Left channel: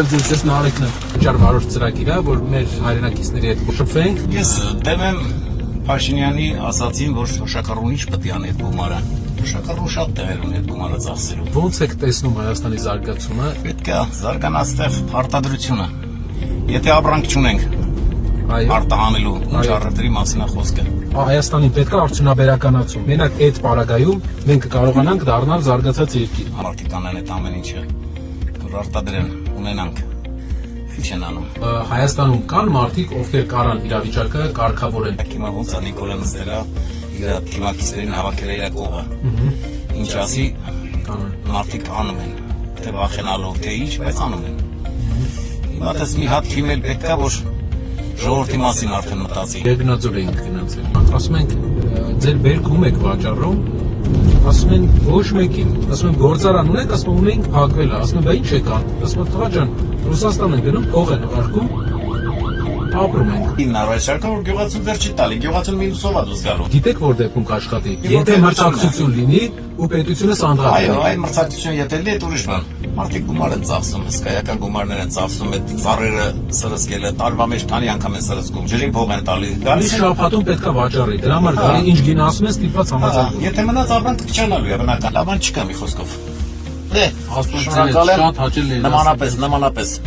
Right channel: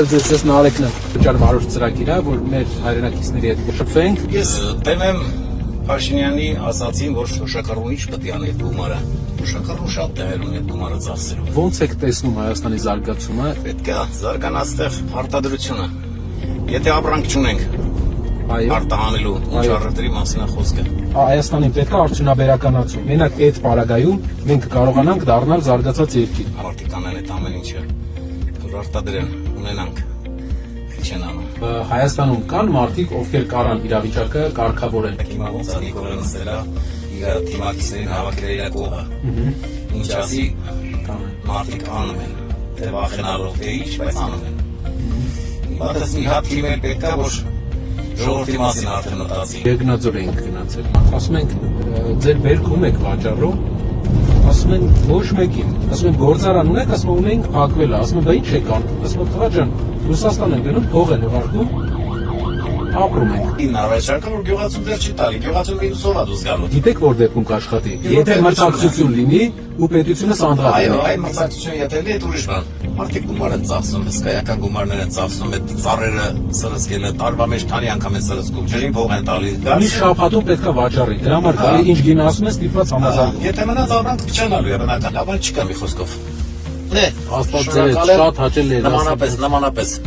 Բարև ձեզ, ես Նարեկն եմ, վճար վարորդ ծրագիր է, որ մեր հայրենակիցների հետ շփվենք։ Ես դեմ եմ Փաշինյանի ասացին, որ շոշակառու ինչ պետք է անի այդ գումարը։ Շոշակառու շատ տեղեր ունի այդ գումարը ծախսելու։ Ո՞նց եք տեսնում Հայաստանի զարգացումը։ Պետք է զարգանա այստեղ արտադրությունը։ Եթե ապրանք չունենք, արտահանելու ինչ առևտրի մասին է խոսքը։ Հայաստանին պետք է արդյունաբերականացում։ Մենակ այդ պարագայում մենք կարողանանք դառնալ զարգացած երկիր։ Մարդիկ անեն այդ ամեն ինչը, որ արտադրեն, ունենանք, ինչ են անում։ Հայաստանում կան մարդիկ, ովքեր կարան իրավիճակը կարգավորեն։ Հիմա ոնց է Նիկոլը նստելա, իր թիմակիցներին հավաքել իր կողը։ Ինչ ասի, մարդիկ անում են, թե վախենալով, թե ինչ, բայց անում են։ Հիմա դες մի հատ կիմել պետք է, որ ժողովրդի մասին արդեն մտածի։ Երկնաձոր ենք գնացել։ Ասում ենք, ձեր բերքում եք վաճառում, ասում են ոչ մեկին։ Ասում են գործարան ունեք, ասում են ունենք փակվել է, ասում են բա ինչ եք անում։ Ասում են տղա ջան, Ռուսաստան են գնում, փող են ուղարկում, ապրում ենք։ Ինառաշարքը որ գյուղացուն դեռ չի տալի, գյուղացուն մինուսով է դուրս գալու։ Գիտեք որ դեպքում կաշխատի։ Եթե մրցակցություն լինի ու պետությունը սանդղակ Այո, այ մրցակցություն եթե լինի, այդ ուրիշ բան։ Մարդիկ գումար են ծախսում, հսկայական գումարներ են ծախսում, այդ ծառերը սրսկելը տարվա մեջ քանի անգամ են սրսկում, ջրին փող են տալի։ Մի շաբաթում պետքա վաճառի։ Դրա համար գալի ինչ գին ասում ես, ստիպված համաձայնում։ Եթե մնաց ապրանք կչանալու է բնական, ապան չկա մի խոսքով։ Աստված ձեզ շատ հաճելի է։ Նմանապես։